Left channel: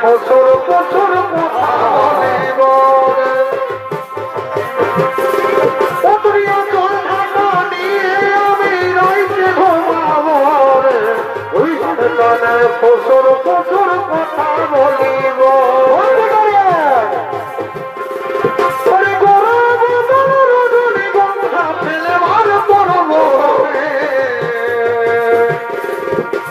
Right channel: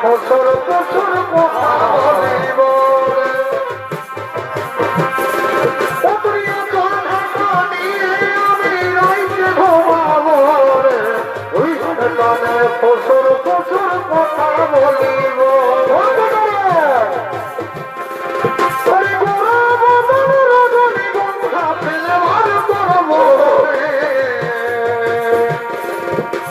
ফসল ফসল বলিব ফসল ফসল কথা বলিব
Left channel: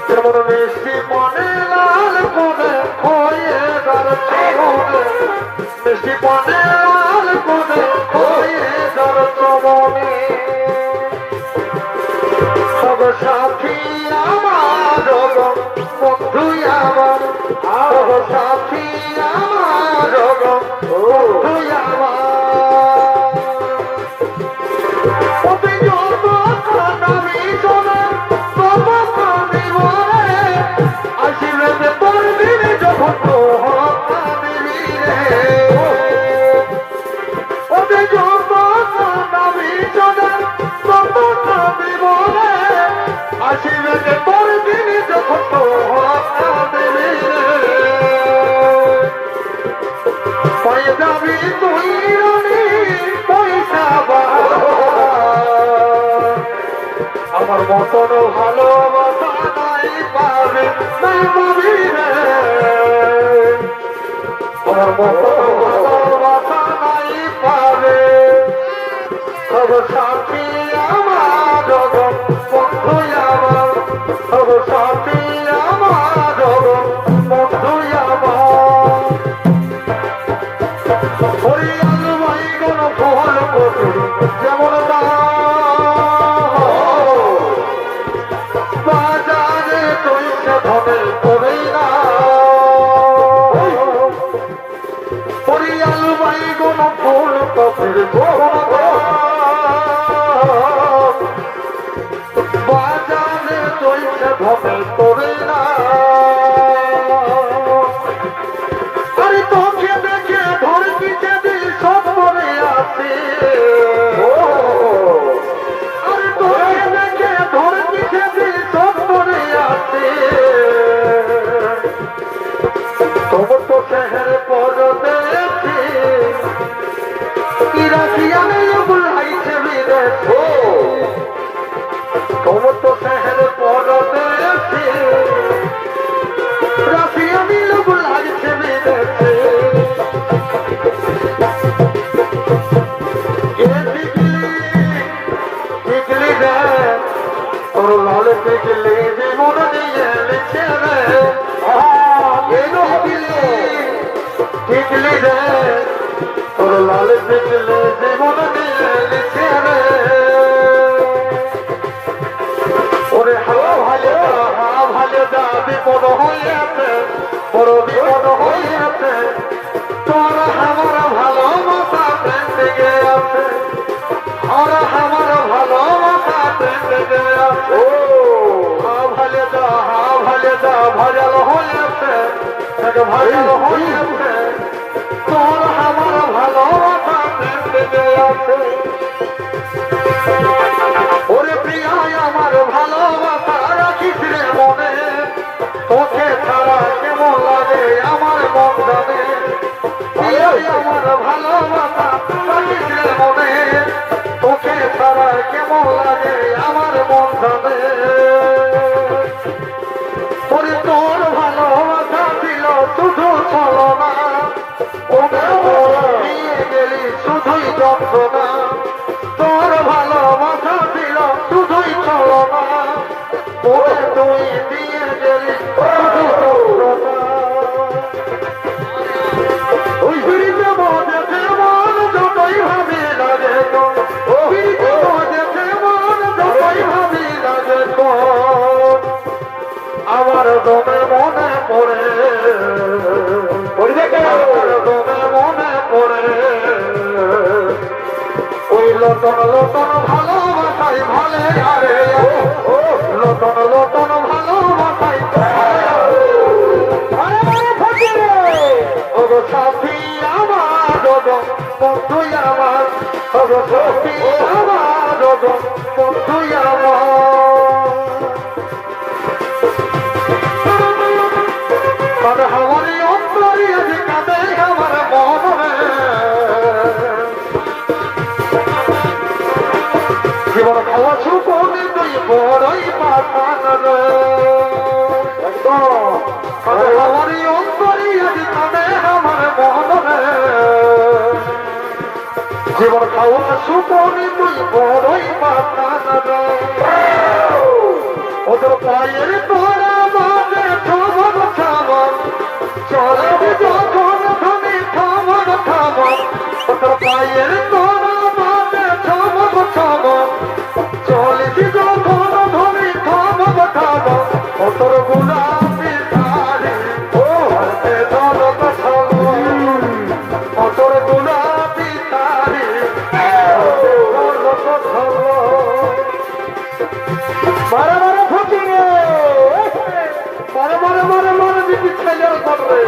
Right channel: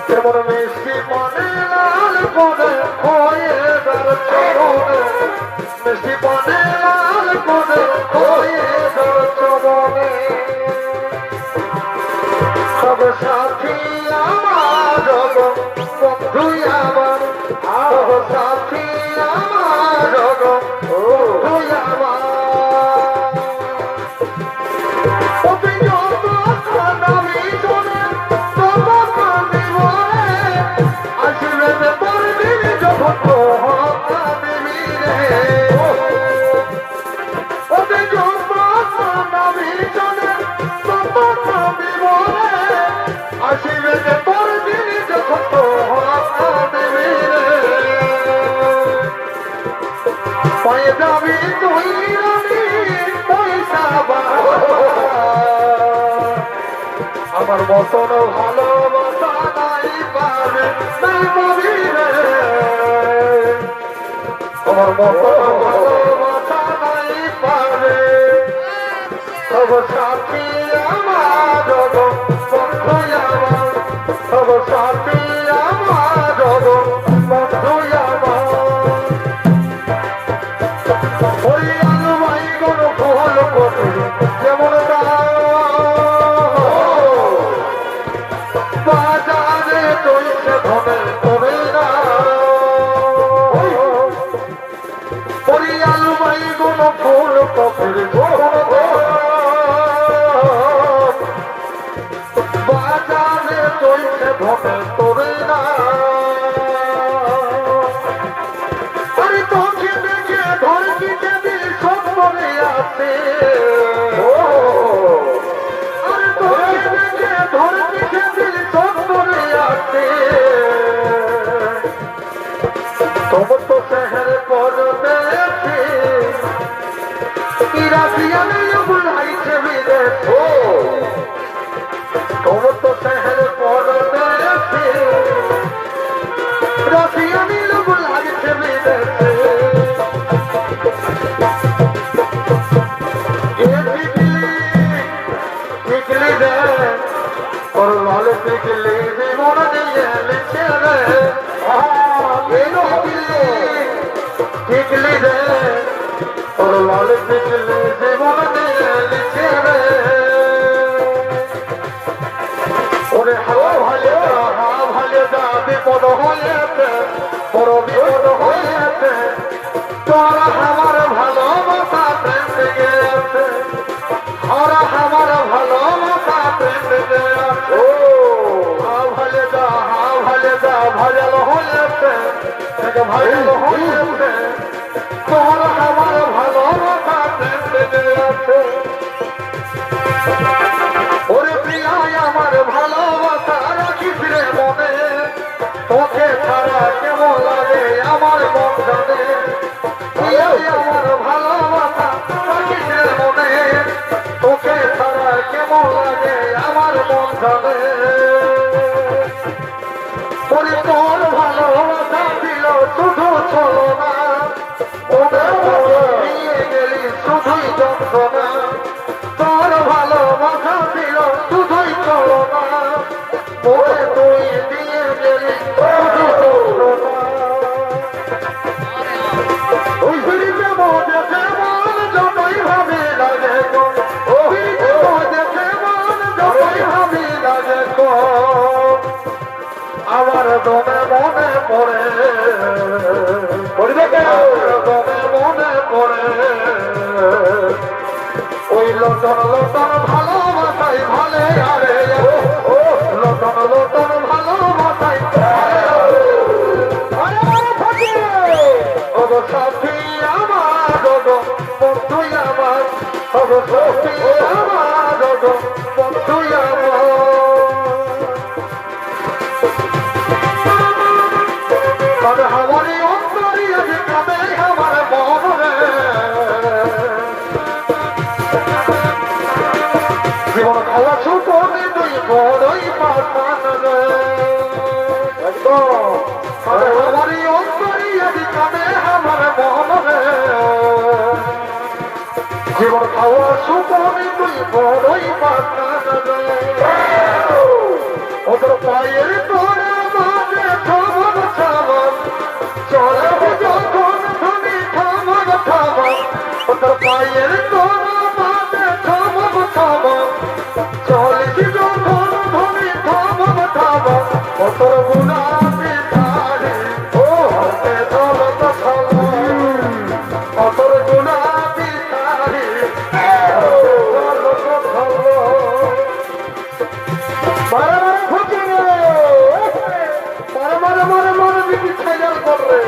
যেমন মিষ্টি মনে লাল করে খয়ে তার চরণে মিষ্টি মনে লাল করে খয়ে তার চরণে সব সাথী আমার বন্ধু আমার সব সাথী আমার বন্ধু আমার যাবি তুই পয়সা আমার মতন ভালোবাসা নাই পাবে নাই পাবি রে আমার মতন ভালোবাসা নাই পাবে সব সাথী আমার বন্ধু আমার সব সাথী আমার বন্ধু আমার যেমন বাজারে তৈছে ধনের তবে না পরিয়াল বাই কোন ফুল কফের বাজারে তৈছে ধনের তবে না আরে তোকে দেখে ধর কিতে দিল সব করে আছে তোমার তো শহর পড়তে রাশিয়ানে বুলাইছে বিদেশে তোমার তো শহর পড়তে রাশিয়ানে বুলাইছে বিদেশে পিকলি দে তোর লাল পিকলি মন দিয়ে লিখে রে পিকলি দে তোর লাল পিকলি জীবন দিয়ে লিখে রে ওরে হাওয়া ভালে যা বিপদ হয়েছে বড় বিপদ হয়েছে তোর আমার ভালোবাসা প্রেম থেকে আছে ওরা আমার ভালোবাসা ভাজাল হয়েছে এক ভাজাল হয়েছে তোর আমার ভালোবাসা বেঁচে আছে ওরে প্রিয়ায় আমার ভালোবাসা রাখিস রে মনে তোকে ছাড়া কেমন লাগে আমার মন জানে প্রিয়ায় আমার ভালোবাসা রাখিস রে মনে তোকে ছাড়া কেমন লাগে আমার মন জানে ওরে তোর ভালোবাসা ছিল শুধু চলো না নিয়ে গেলি শুধুই যন্ত্রণা তোর ভালোবাসা ছিল শুধুই চলো না ওরে তুই দিয়ে গেলি শুধু যন্ত্রণা ওই ফিরিতে মজেছে মন যতই ভাবি লাগে ও ফিরিতে মজেছে মন যতই ভাবি লাগে আমার দমে মনে পড়ে দমে মনে পড়ে ওই লটন লটন ভালোবাসাই ভালে আরে লটন লটন ভালোবাসাই ওগো সাথী আমার ওগো বন্ধু আমার ওগো সাথী আমার ওগো বন্ধু আমার हमारी अंतरी कदे हमारे मोहन में जीवन खावा सुखोनी तुई बड़ई पासान रे एकदम हमारी अंतरी कदे हमारे मोहन में जीवन खावा सुखोनी तुई बड़ई पासान रे उधर पायर तोरा माने खबर खबर চলব যখন তুমি থামর থামর তোর পায়ের তোরা বাদে থামব থামর চলিস যখন তুমি থামব থামর তোর গুলাপি ধারে ও হাতে দলত ছল তোর গুলাপি ধারে দলত ছল মারা মারা ফুটিয়ে মারা মারা মারা মারা বিটি ছেলের করে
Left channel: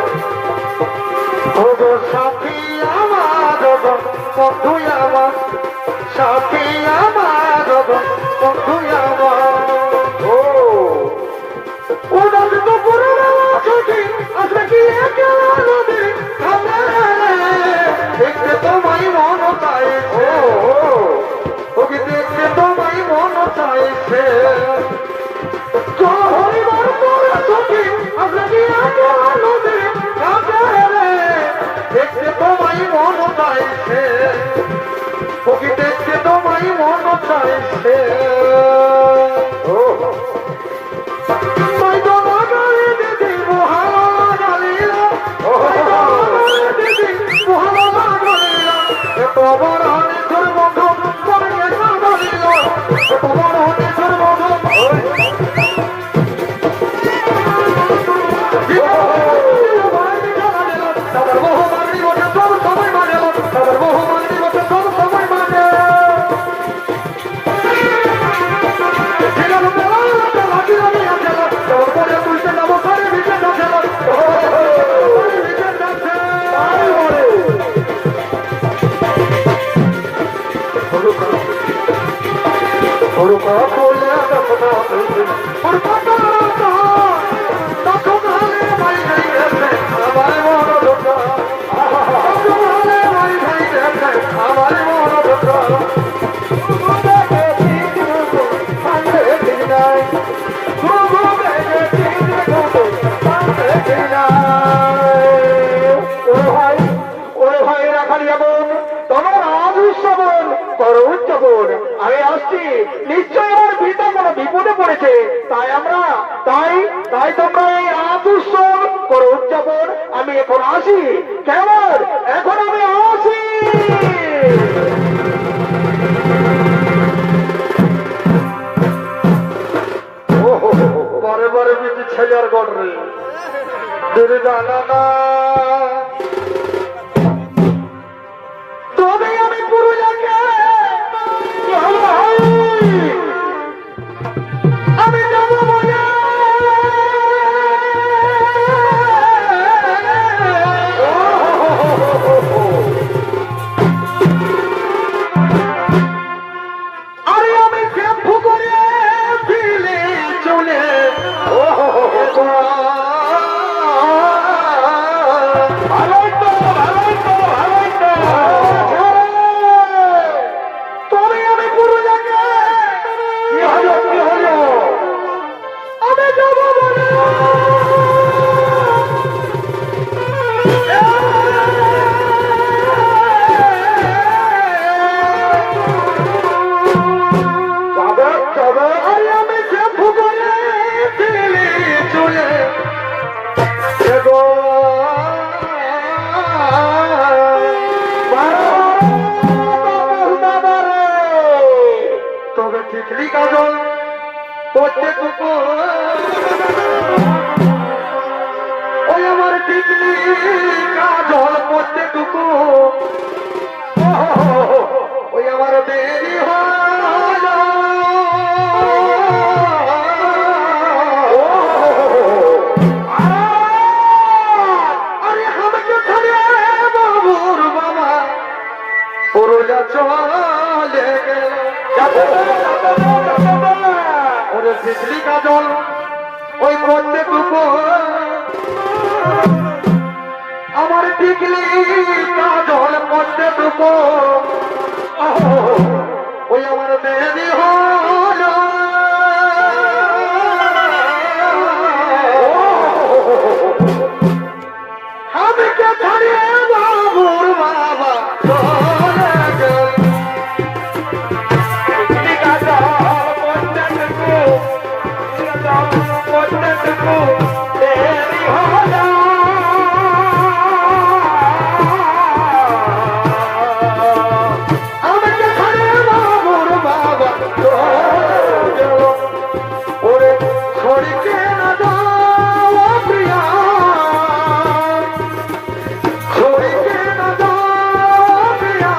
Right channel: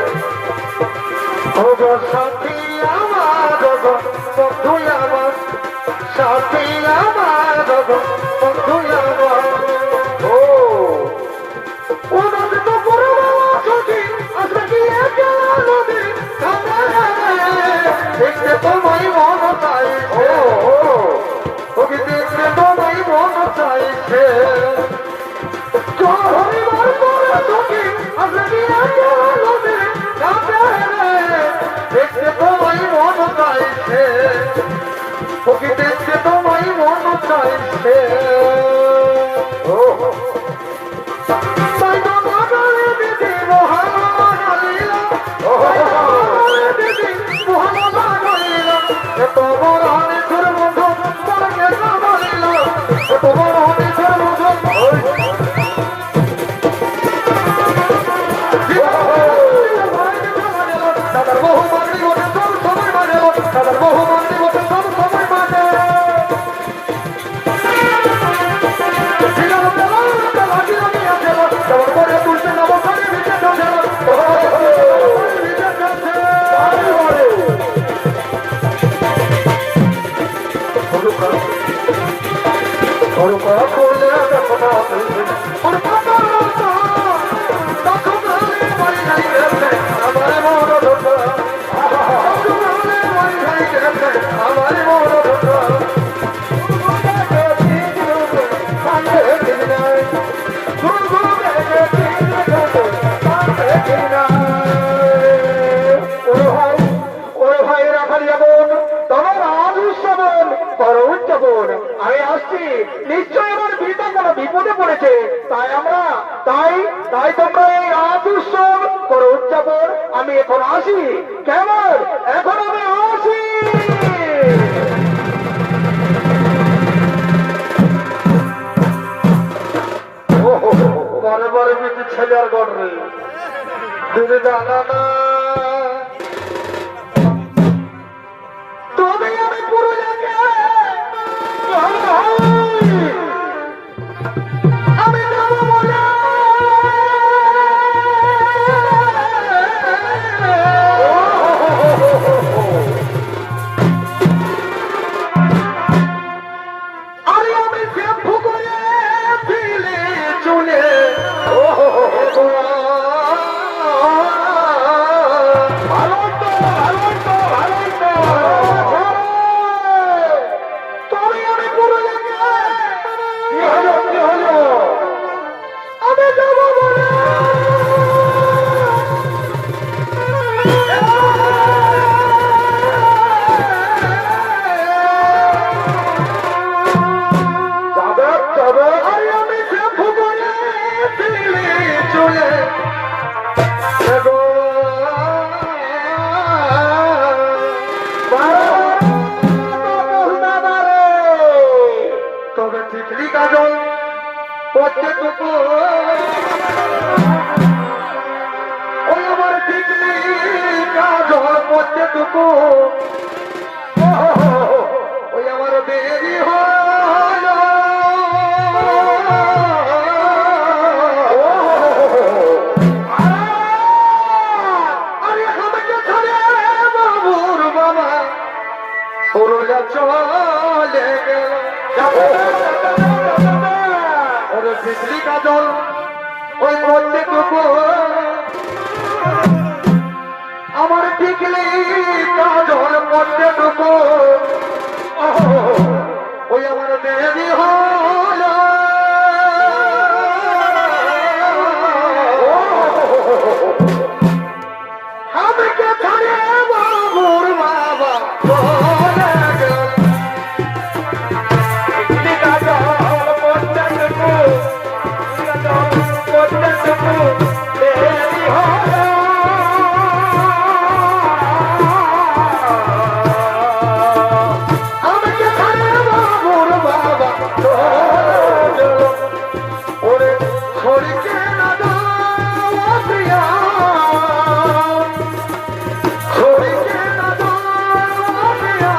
ওগো সাথী আমার ওগো বন্ধু আমার সাথী আমার ওগো বন্ধু আমার ও ওনার তো পুরো ছুটি আসলে কি নদী দেখতে তোমায় মন চাইছে ওকে দেখতে তোমায় মন চাইছে হরিবার পরে ছুটি আসলে কি নদী দেখতে তোমায় মন চাইছে ওকে দেখতে তোমায় মন চাইছে ও তাই তো মাগালে দিদি মহাবা গালিল দিদি মহাবা গালিল এত বড় হরিধর বন্ধু তাকে না বলিল এত বড় হরিধর বন্ধু আমি আসছি নিশ্চয় আমার পিতা কোনো বিপদে পড়েছে তাই আমরা তাই তাই তোমরা এই রাত উৎসব করো উদযাপন আমি এখন আসি কেমন এখন আমি আসি বারে বারে বেশি ছেলে আর গড়রে দূরে জানা না তবে আমি পুরুলিয়াকে আমি যাব বলে তবে আমি সে ভুবনে ছিলি চলে গো তবে ঠিকলি কাজল প্রত্যেকটুকু ওই আমার ঠিকলি কাজল প্রত্যেকটুকু ওই আমার দেরি হল আরে আমাকে ধরে বাবুর বাবা পুরোটা চলে গেল ওরে বিজলি কাজল ওই প্রত্যেকটুকু আমার টিকলি কাজল প্রত্যেকটুকু ওই আমার দেরি হল আমাকে ধরে বাবুর বাবা চলে গেল টিকলি কাজল প্রত্যেকটুকু প্রত্যেকটুকু দেরি হল আমাকে ধরে বাবুর বাবা চলে গেল ওরে ছড়িকে না দাও প্রিয়া ছড়িকে না দাও প্রিয়া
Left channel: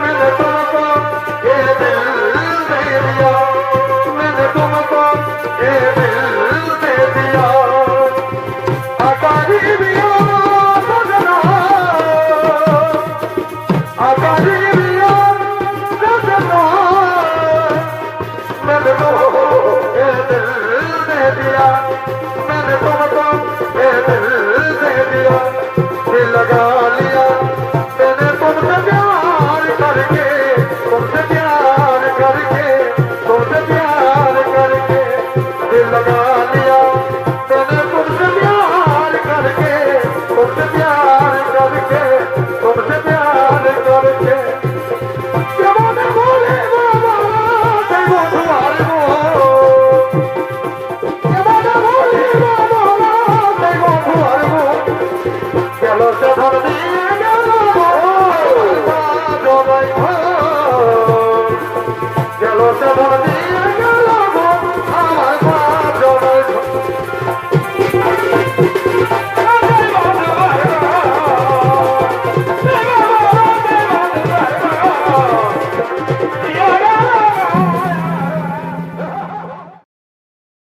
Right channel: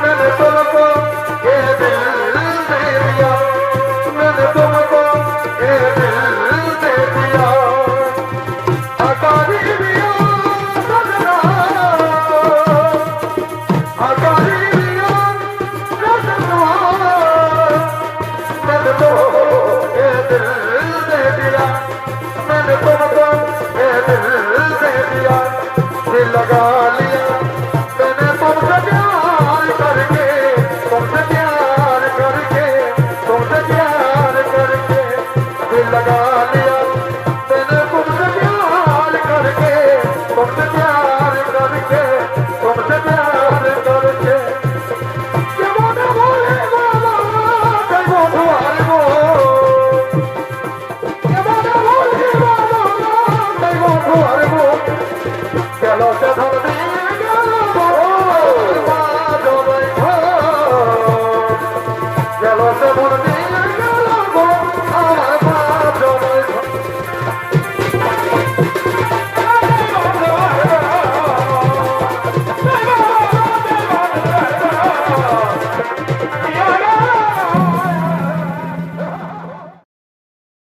मैंने तुमको ये दिल दे दिया मैंने तुमको ये दिल दे दिया आकारी दिया सजना आकारी दिया सजना मैंने तुमको ये दिल दे दिया मैंने तुमको ये दिल दे दिया दिल लगा लिया मैंने तुमसे प्यार करके तुमसे प्यार करके तुमसे प्यार करके दिल लगा लिया मैंने तुमसे प्यार करके तुमसे प्यार करके तुमसे प्यार करके जमाना बोले बाबा कई बोधवार वो जमाना बोले बाबा कई बोधवार वो चलो से धर दी चलो से धर दी আমার